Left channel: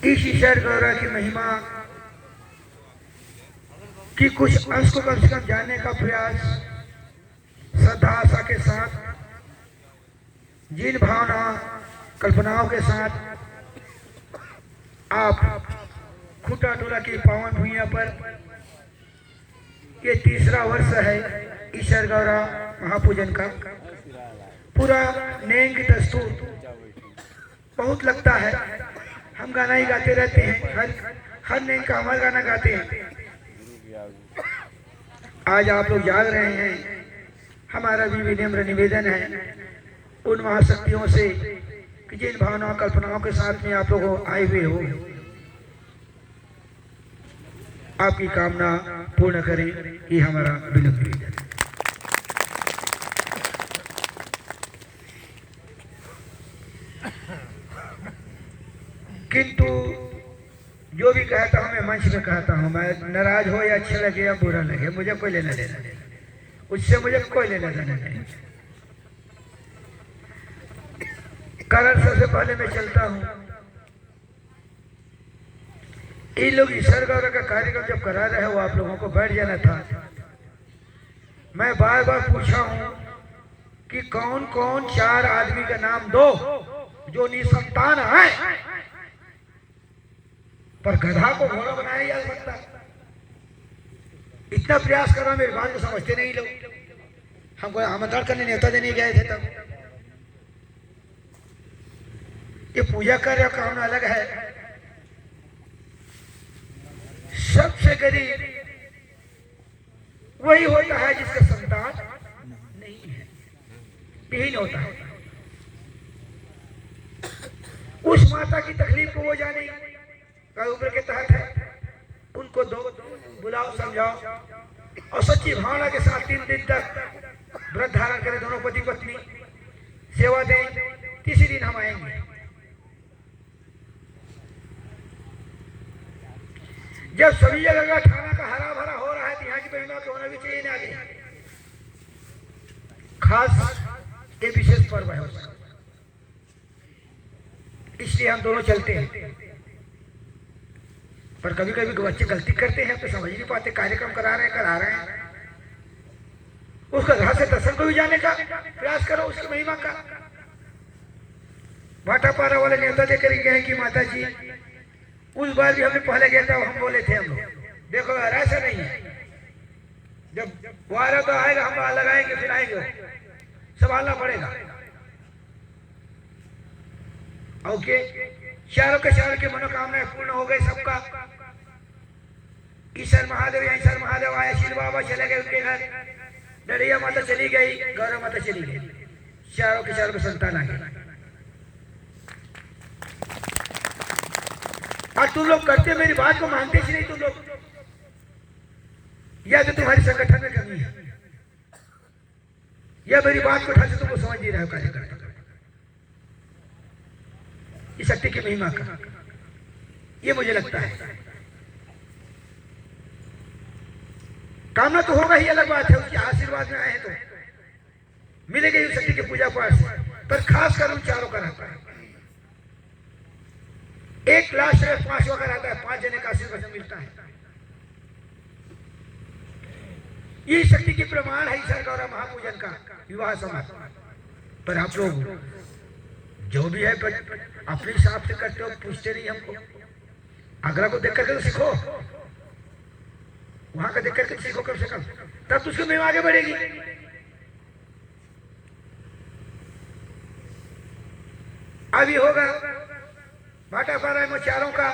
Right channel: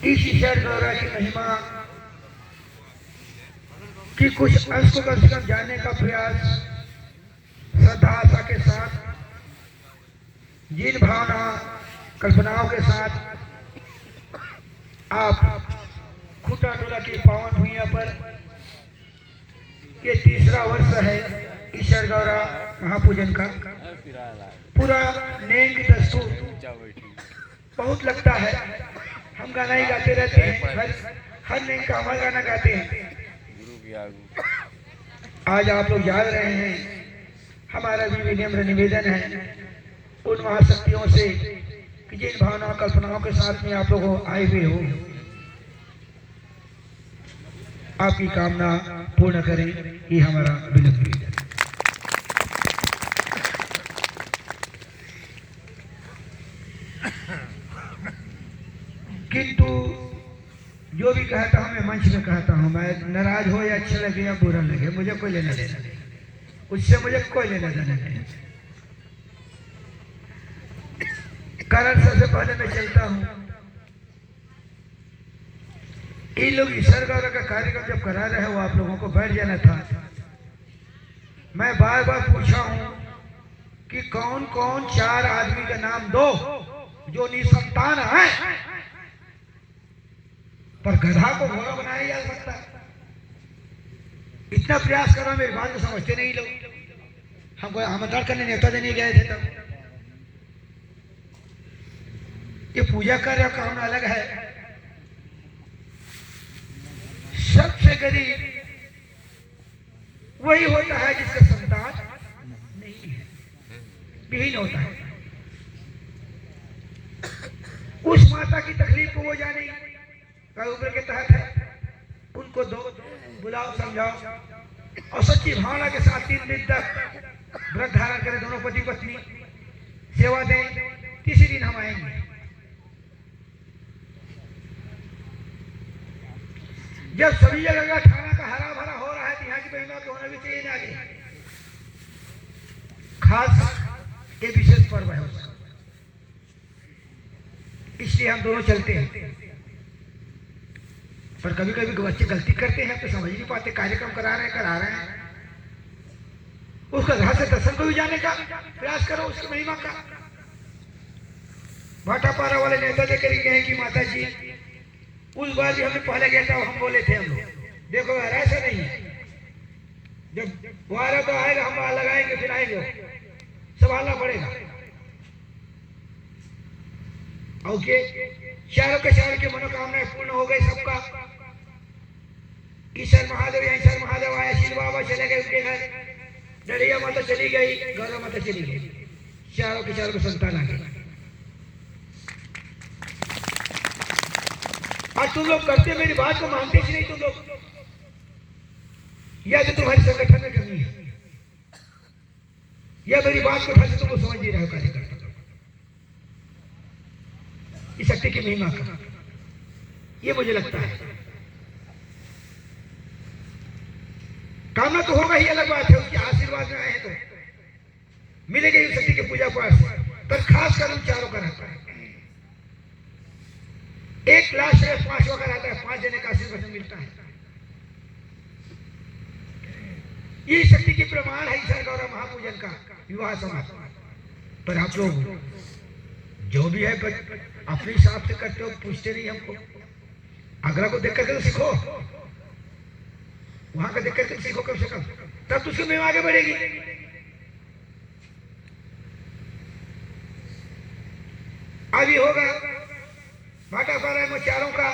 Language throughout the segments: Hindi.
इस ईश्वर गौरव की महिमा की कुछ अंश को कम से कम जानने का प्रयास श्रद्धा आशा के साथ, जिन भावना कल्पनाओं के साथ आप खुटा टोला की पावन भूमिया पर ये तीसरा वर्ष है ईश्वर गौरव महापूजन का। पूरा नेम की दस्तूर बहुत लगता है, हम गाना ही गाते रहते हैं, हर नेम का हमारा गाना गाते हैं। आज आप लोग जाग रहे हैं, हमारा भी विनम्र निवेदन है उन महाशक्तियों से कि जिन भावनाओं कल्पनाओं के साथ में आप लोग आए हुए हो, आपकी कामना पूर्ण करें, ये हमारा विनम्र निवेदन है। किंतु जो भी कहता हूँ मैं मंच में कहता हूँ, मैं नाराज हो या अच्छा लगे या बुरा लगे, मुझे कोई लेना देना नहीं, उससे मुझे कोई लेना देना नहीं। कारण सबसे पहले मैं चलता हूँ, इन लोग ईश्वर गौरव का कार्यक्रम जब करा रहे हो, आप लोगों को बैठ जाना था। मैं बार बार पूछा हूँ कि कौन कौन चार आदमी का नाम दो जो निसंतान है, पर गधा को घोड़ा बनाया जा सकता है। इतना प्रयास करो, मेरी बात को समझते नहीं लोग। हमको आमंत्रण करने नेता देने गए थे तब। ये पूजा कार्य काम अलग है। सबसे गरीब वही होता है जिसका संतान नहीं है, विहीन होता है। उस माता की तकलीफ को वो जाने उम्र के तहत है, उनको दो बुलाओ, समझाओ और सच्ची भावना के साथ 3 दिन तक व्रत धारण करें, दोनों पति पत्नी सेवा दें। तीसरे दिन हम आएंगे। जब सभी जगह का खाना का हरा भरा हो रहा है तो यहाँ की महिमा के होना भी चाहिए ना आगे। खास ये विशेष पर्व है उसका, इसलिए हम दोनों चलते हैं। पर कभी कभी बच्चे गलती करते हैं तो समझ नहीं पाते, कार्यक्रम करा रहे हैं। उसका घर से दर्शन को भी जाने का प्रयास करो, उसकी महिमा का। भाटापारा वाले नेता देकर गए कि माता जी, उस बार भी हमने पहले गया था, हम बोले थे हम लोग देखो यार ऐसा नहीं है, जब वारा तो आएगा हम लगाएंगे फिर आएंगे, संभालना पड़ेगा। ओके, चारों के मनोकामनाएं पूर्ण हो गई सबका। ईश्वर महादेव या ईश्वर महादेव आया, शिव बाबा चले गए उनके घर, डड़िया माता चली गई, गौरव माता चली गई, चारों के संतान आ गए। और तुम लोग करते मेरी बात को मानते ही नहीं तुम लोग, या तो तुम्हारी संगठन में कमी है, या मेरी बात को ढंग से तुमको समझ नहीं रहे हो कार्यकर्ता। इस शक्ति की महिमा का ये मुझे लगता है। कामना तो होगा ही, अलग बात है, उसके आशीर्वाद में आए हैं तो मिलेगी इस शक्ति की पूजा पाठ, पर खास कर उन चारों का रहता है। एक लाश है, 5वां का रहता है, 5 जने का आशीर्वाद मिलता है। ये शक्ति की प्रमाण है ईश्वर गौरव महापूजन का विवाह समारोह। पर आप लोग जो भी है अपने हिसाब से करते हो, पूछते नहीं हमको। आगरा को देख करके तो सीखो, वहां का देख करके सीखो कम से कम, तब तो उसकी महिमा आगे बढ़ेगी। अभी होगा भाटापारा में चारों का,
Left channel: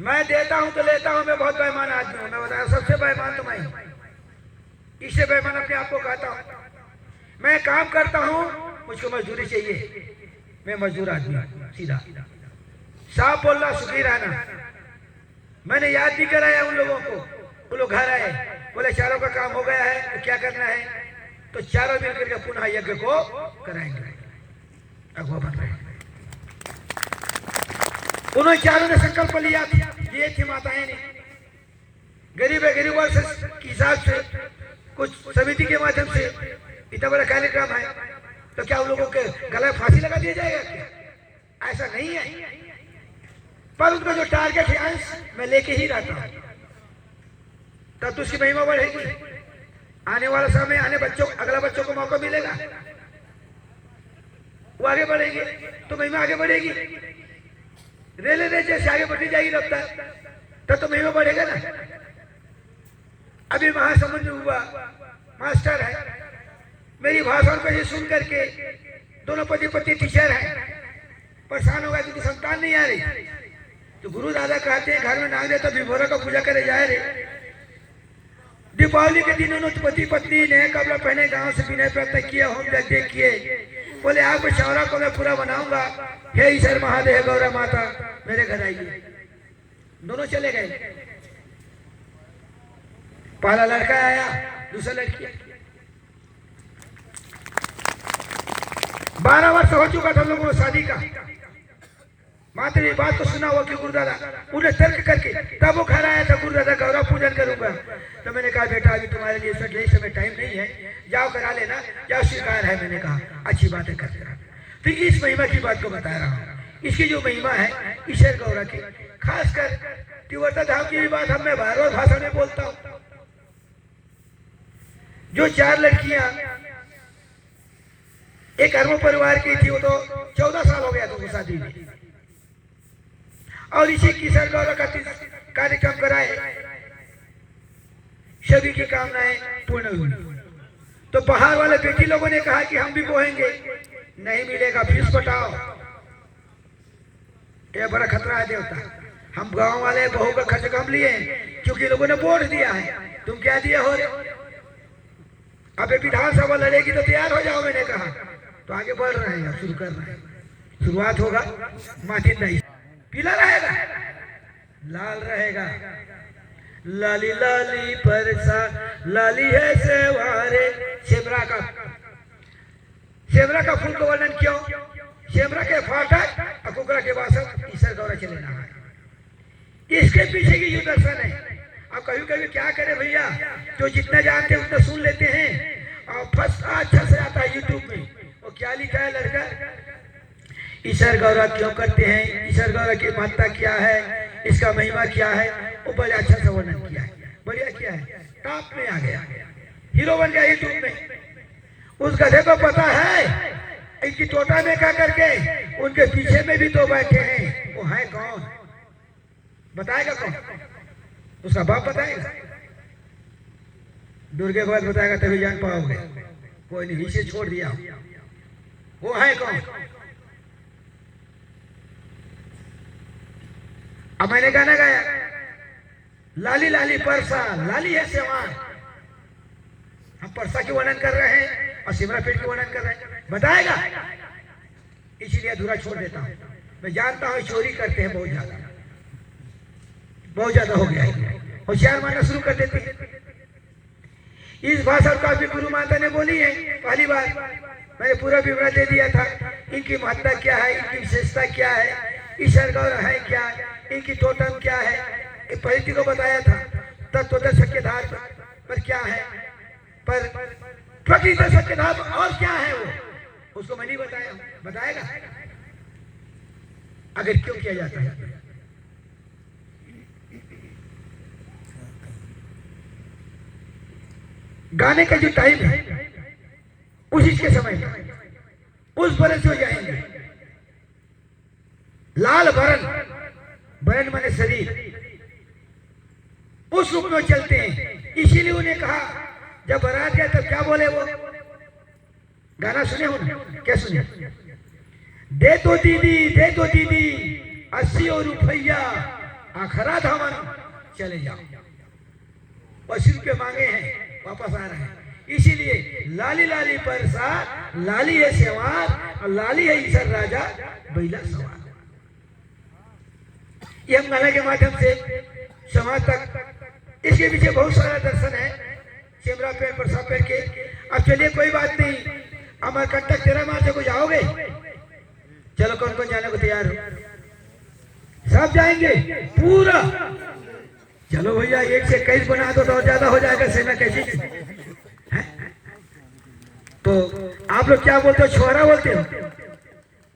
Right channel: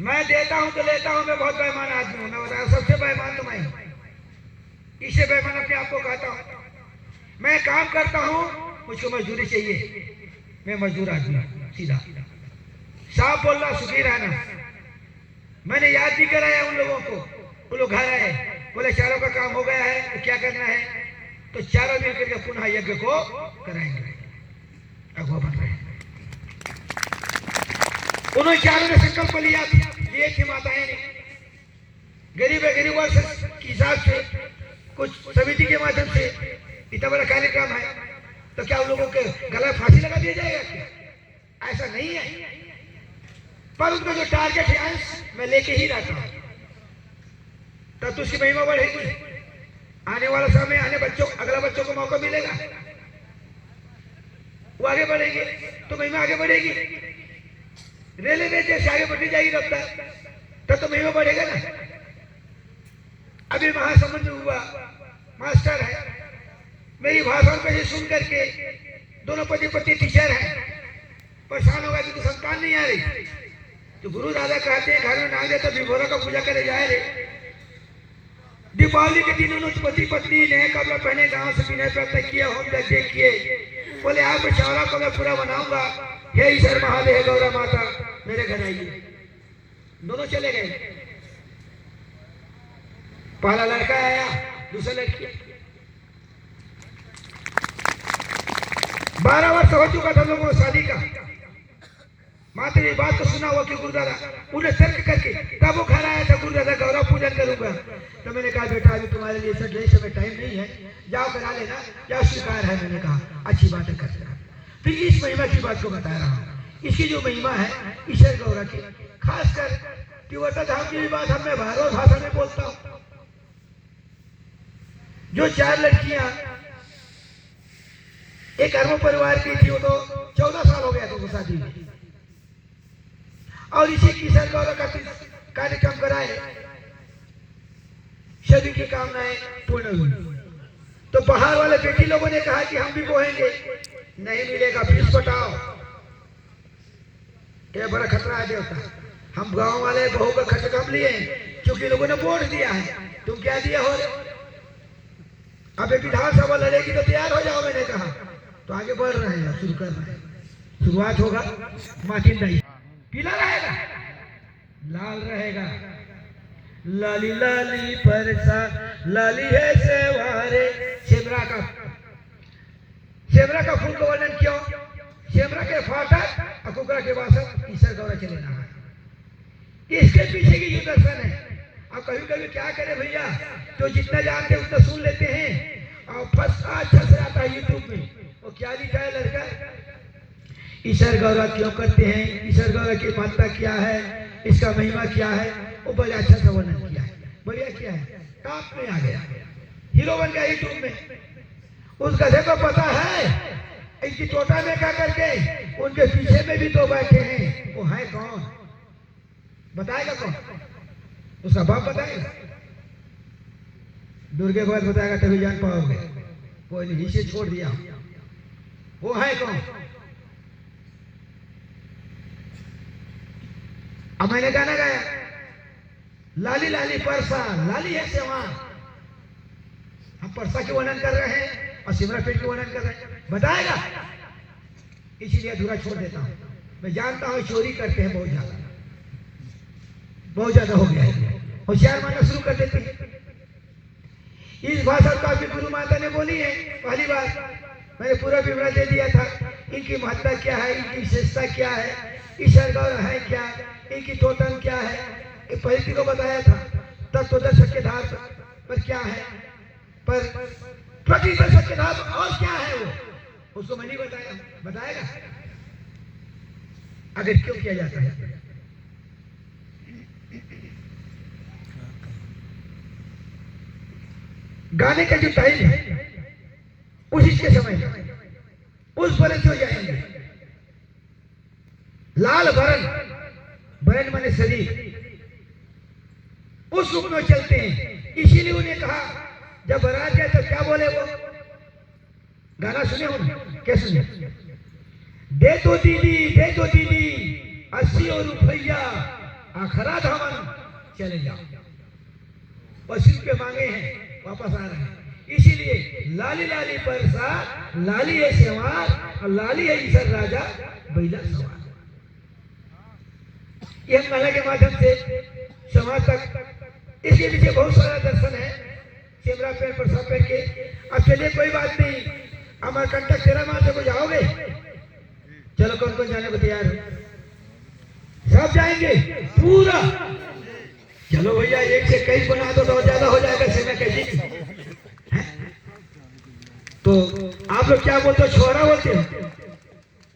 मैं देता हूं तो लेता हूं, मैं बहुत बेईमान आदमी हूं, मैं बताया सबसे बेईमान तो मैं हूं, इससे बेईमान अपने आप को कहता हूं। मैं काम करता हूं, मुझको मजदूरी चाहिए, मैं मजदूर आदमी हूं, सीधा साफ बोलना, सुखी रहना। मैंने याद भी कराया उन लोगों को, वो लोग घर आए, बोले चारों का काम हो गया है तो क्या करना है, तो चारों मिलकर के पुनः यज्ञ को कराएंगे। अगुआ बन रहे हैं, उन्होंने चारों ने संकल्प लिया, दिए थे माताएं ने, गरीब है गरीबों के हिसाब से कुछ समिति के माध्यम से इतना बड़ा कार्यक्रम है, तो क्या उन लोगों के गला फांसी लगा दिया जाएगा क्या? ऐसा नहीं है, पर उनका जो टारगेट है अंश मैं लेके ही रहता हूं, तब तो उसकी महिमा बढ़ेगी। आने वाला समय आने बच्चों अगला बच्चों को मौका मिलेगा, वो आगे बढ़ेंगे तो महिमा आगे बढ़ेगी। रेलवे जैसे आगे बढ़ती जाएगी रफ्तार, तब तो महिमा बढ़ेगा ना। अभी महासमुंद में हुआ, मास्टर है, मेरी भाषण को ही सुन करके दोनों पति पत्नी टीचर है, परेशान होगा क्योंकि संतान नहीं आ रही। तो गुरु दादा कहते हैं घर में नाग देता विभोरा का पूजा करे जाए रे। दीपावली के दिन उन्होंने पति पत्नी ने कपड़ा पहने गांव से पीने पर किए, होम यज्ञ किए, बोले आप चौरा को मैं पूरा बनाऊंगा, हे ईश्वर महादेव गौरा माता मेरे घर आइए। दोनों चले गए, पहला लड़का आया, दूसरा लड़की। 12 वर्ष हो चुका था लोगों को शादी का। मात्र ये बात तो सुना हुआ कि गुरुदादा उन्हें तर्क करके तब वो घर आया था, गुरुदादा गौरा पूजन करूंगा। तो मैंने कहा बेटा अभी तुम्हारे लिए सर समय टाइम नहीं है, जाओ करा लेना, क्या स्वीकार है। मैंने कहा अच्छी बातें करते रहा। फिर इस महिमा की बात को बता रहा हूँ। इसकी जो महिमा है ईश्वर गौरा की, खासकर तिवर्ता धाम की भी बात हम मैं भागवत भाषा में बोलता हूँ। जो 4 लड़कियां एक अरब परिवार की थी, वो तो 14 साल हो गया था वो शादी में, और इसी किशोर गौरा का कार्यक्रम कराए, सभी की कामनाएं पूर्ण हुई। तो बाहर वाले बेटी लोगों ने कहा कि हम भी बोहेंगे, नहीं मिलेगा, फीस बताओ। ये बड़ा खतरा है देवता। हम गांव वाले बहू का खर्च कम लिए क्योंकि लोगों ने वोट दिया है, तुम क्या दिया हो रे? अब विधानसभा लड़ेगी तो तैयार हो जाओ। मैंने कहा तो आगे बढ़ रहे हैं, शुरू कर रहे हैं। शुरुआत होगा मार्टिन नहीं, पीला रहेगा, लाल रहेगा, लाली लाली परसा लाली है सेवारे। सेमरा का फूल का वर्णन क्यों? सेमरा के फाटक अकुकरा के वासक ईश्वर गौरा चले ना है, इसके पीछे की जो दर्शन है। अब कभी कभी क्या करे भैया, जो जितना जानते उतना सुन लेते हैं और फर्स्ट अच्छा से आता है यूट्यूब में, वो क्या लिखा है लड़का, ईश्वर गौरा क्यों करते हैं, ईश्वर गौरा की महत्ता क्या है, इसका महिमा क्या है, वो बड़ा अच्छा सा वर्णन किया है, बढ़िया किया है, टॉप में आ गया, हीरो बन गया यूट्यूब में। उस गधे को पता है इनकी तोता में क्या करके उनके पीछे में भी 2 बैठे हैं, वो है कौन? बताएगा कौन? उसका बाप बताएगा, दुर्गे को बताएगा तभी जान पाओगे। कोई नहीं, नीचे छोड़ दिया, वो है कौन? अब मैंने गाना गाया, लाली लाली परसा लाली है सेवा। हम परसा की वर्णन कर रहे हैं और सिमरा पेट की वर्णन कर रहे हैं, बताएगा, इसीलिए अधूरा छोड़ देता हूं। मैं जानता हूं चोरी करते हैं बहुत ज्यादा हो गया है, होशियार मानना शुरू कर देते हैं। इस भाषा को अभी गुरु माता ने बोली है, पहली बार मैंने पूरा विवरण दे दिया था, इनकी महत्ता क्या है, इनकी विशेषता क्या है, ईश्वर गौरा है क्या, इनकी तोतम क्या है, पहली को बताया था। तत्वदर्शक के धार पर क्या है, पर प्रकृति दर्शक के धार और क्या है, वो उसको मैं नहीं बताया, बताएगा अगर क्यों किया जाता है। गाने का जो टाइम है उसी के समय उस बरस हो जाएंगे। लाल बरन, बरन माने शरीर, उस रूप में चलते हैं। इसीलिए उन्हें कहा जब बारात गया तो क्या बोले वो, गाना सुने हो क्या सुने, दे दो दीदी 80 रुपया आखरा धामन चले जाओ। 80 रुपये मांगे हैं, वापस आ रहे हैं। इसीलिए लाली लाली परसा लाली है सेवार और लाली है ईश्वर राजा बैला सवार। ये हम गाने के माध्यम से समाज तक, इसके पीछे बहुत सारा दर्शन है, चेमरा पेड़ परसा पेड़ के। अब चलिए कोई बात नहीं, हमारे कंटक 13 माह से को जाओगे, चलो कौन कौन जाने को तैयार है? सब जाएंगे पूरा। चलो भैया 1 से 21 बना दो तो ज्यादा हो जाएगा, सेना कैसी। तो आप लोग क्या बोलते हो, छोरा बोलते हो?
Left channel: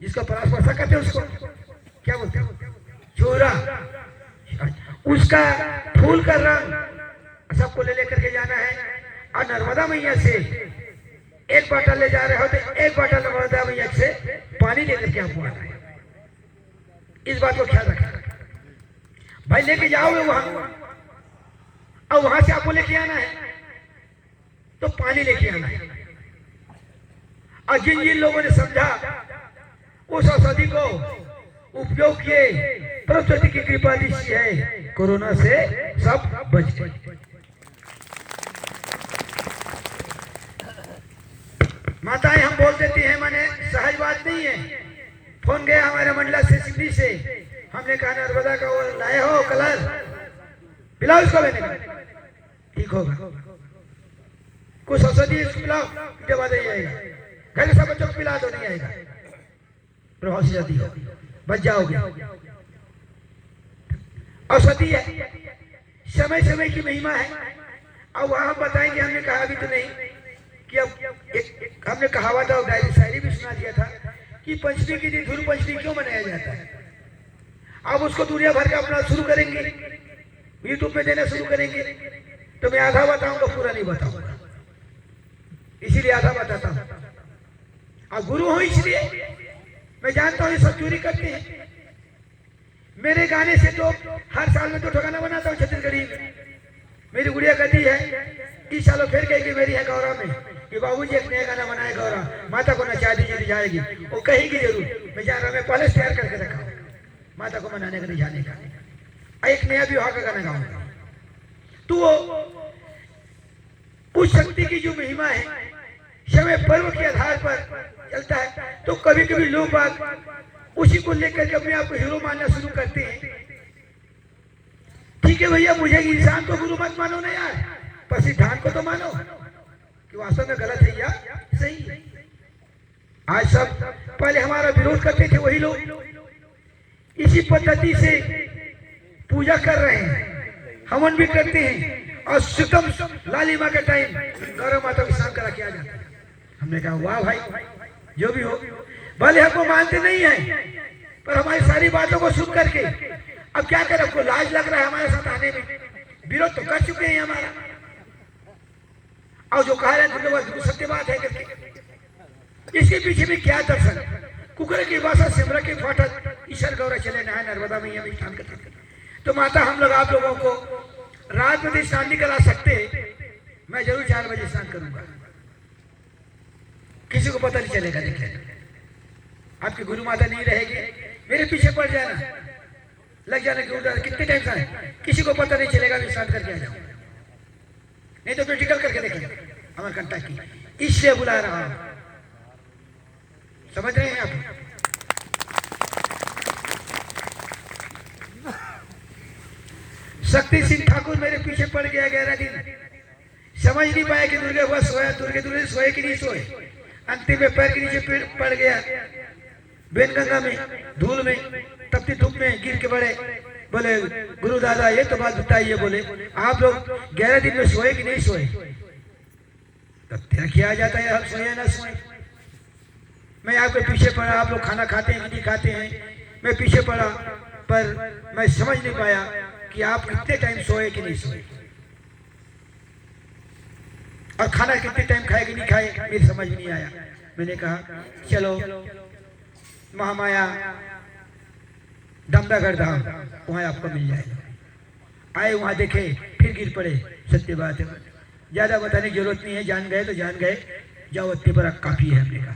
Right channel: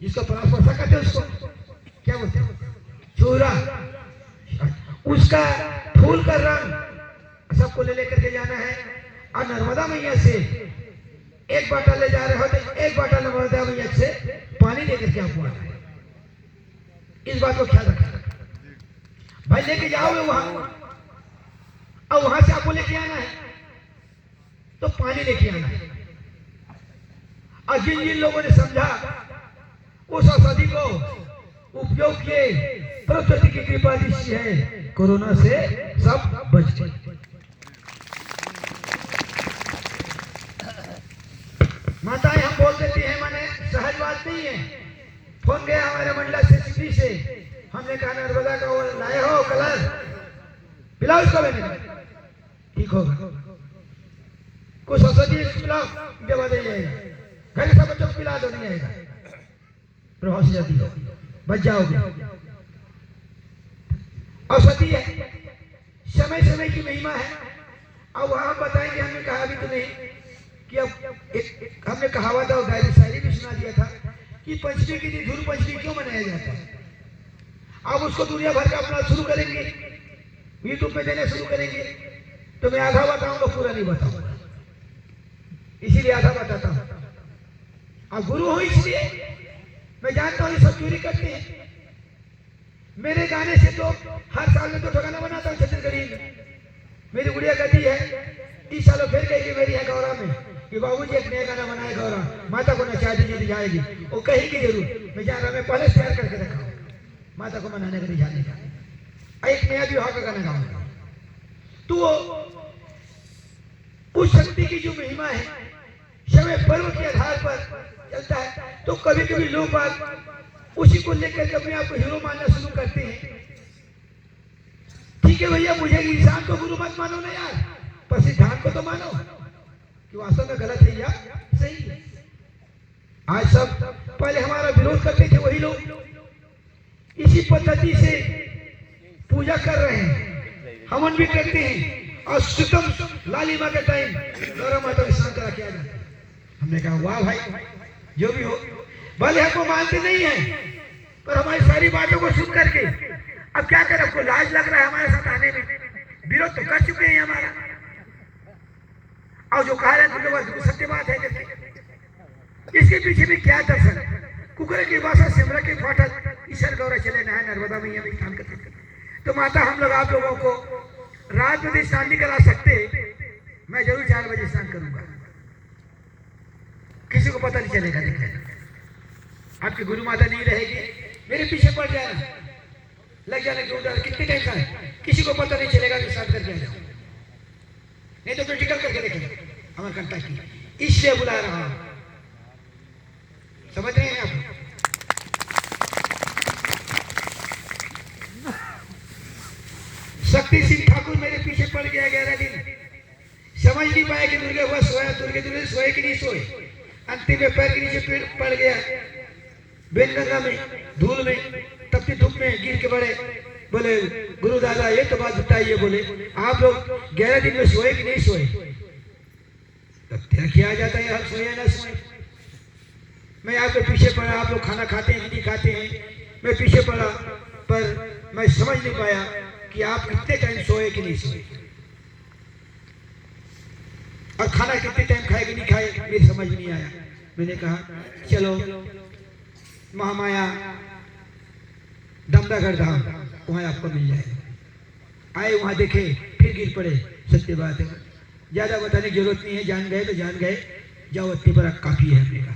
जिसका परास्पर्शा कहते हैं उसको क्या बोलते हैं? चूरा। उसका फूल का रंग सबको ले लेकर के जाना है और नर्मदा मैया से एक बाटल ले जा रहे हो तो एक बाटल नर्मदा मैया से पानी लेकर के आपको आना है। इस बात को ख्याल रखना भाई। लेके जाओगे वहां और वहां से आपको लेके आना है तो पानी लेके आना है। और जिन जिन लोगों ने समझा उस औषधि को उपयोग किए, प्रकृति की कृपा दृष्टि है, कोरोना से सब बच गए। माताएं हम बोल देती हैं, माने सहज बात नहीं है। फोन गया हमारे मंडला से सिटी से, हमने कहा नर्मदा का वो लाए हो कलर, पिलाओ उसको। मैंने ठीक होगा, कुछ औषधि पिलाओ, जब आ जाएगा घर सब बच्चों को पिला दो, नहीं आएगा, प्रभाव से जाती हो, बच जाओगे। औषधि है, समय समय की महिमा है। अब वहां बताएंगे, हमने कहा भी तो नहीं कि अब हमने कहावत और डायरी शायरी भी सुना दिया था कि पंचमी के दिन धूल पंचमी क्यों मनाया जाता है। अब उसको दुनिया भर का अपना शुरू करेंगे, यूट्यूब पे देना शुरू करेंगे, तो मैं आधा बताऊंगा, पूरा नहीं बताऊंगा, इसीलिए आधा बताता हूं। और गुरु हो इसलिए मैं जानता हूँ ये सब चोरी करते हैं। मेरे गाने से तो हर साल में तो ठिकाना बनाता हूँ छत्तीसगढ़ी में। मेरी गुड़िया कहती है, 30 सालों फिर कहेगी मेरी है गौरव में कि बाबूजी एक नया गाना बनाए गौरव, माता को नचा दीजिए, जाएगी वो कहेगी जरूर। मैं जान रहा, मैं पहले तैयार करके रखा माता को मनाने का, रिझाने का। एक नया विवाह का गाना गाऊंगा। तो उस शक्ति की जो महिमा है, समय पर्व के आधार पर चलता है। तो कभी कभी लोग बात उसी को लेकर के अपने आप को हीरो मानना शुरू करते हैं। ठीक है भैया, मुझे इंसान को गुरु मत मानो ना यार, पर सिद्धांत को तो मानो कि वास्तव में गलत है या सही है। आज सब पहले हमारा विरोध करते थे वही लोग इसी पद्धति से पूजा कर रहे हैं, हवन भी करते हैं। और सुतम लालिमा के टाइम गौरव माता को स्नान करा के आ जाते हैं। हमने कहा वाह भाई, जो भी हो, भले हमको मानते नहीं है, पर हमारी सारी बातों को सुन करके अब क्या करें, आपको लाज लग रहा है हमारे साथ आने में। विरोध तो कर चुके हैं हमारा, और जो कह रहे हैं तो सत्य बात है करके। इसके पीछे भी क्या दर्शन, कुकर की भाषा सिमरा के फाटक ईश्वर गौरव चले नहाए नर्मदा मैया में स्नान करते। तो माता हम लोग आप लोगों को रात में स्नान नहीं करा सकते, मैं जरूर 4 बजे स्नान करूंगा, किसी को पता नहीं चलेगा। देखिए आपकी गुरु माता नहीं रहेगी, मेरे पीछे पड़ जाना, लग जाना कि उधर कितने टाइम का है, किसी को पता नहीं चलेगा कि स्नान करके आ जाओ, नहीं तो प्रैक्टिकल करके देखेंगे हमारे कंटा की। इसलिए बुला रहा हूं, समझ रहे हैं आप। शक्ति सिंह ठाकुर मेरे पीछे पड़ गया 11 दिन, समझ नहीं पाया कि दुर्गे हुआ सोया, दुर्गे सोए कि नहीं सोए। अंतिम में पैर के नीचे पड़ गया, बेनगंगा में, धूल में, तपती धूप में गिर के बड़े। बोले गुरु दादा ये तो बात बताइए, बोले आप लोग 11 दिन में सोए कि नहीं सोए। तब क्या किया जाता है, हम सोए ना सोए। मैं आपके पीछे पड़ा, आप लोग खाना खाते हैं कि नहीं खाते हैं, मैं पीछे पड़ा, पर मैं समझ नहीं पाया कि आप कितने टाइम सोए कि नहीं सोए, और खाना कितने टाइम खाए कि नहीं खाए, ये समझ नहीं आया। मैंने कहा चलो महामाया दमदागढ़ धाम, वहां आपको मिल जाएगा। आए वहां देखे, फिर गिर पड़े। सत्य बात है, ज्यादा बताने की जरूरत नहीं है, जान गए तो जान गए, जाओ इतने बड़ा काफी है। हमने कहा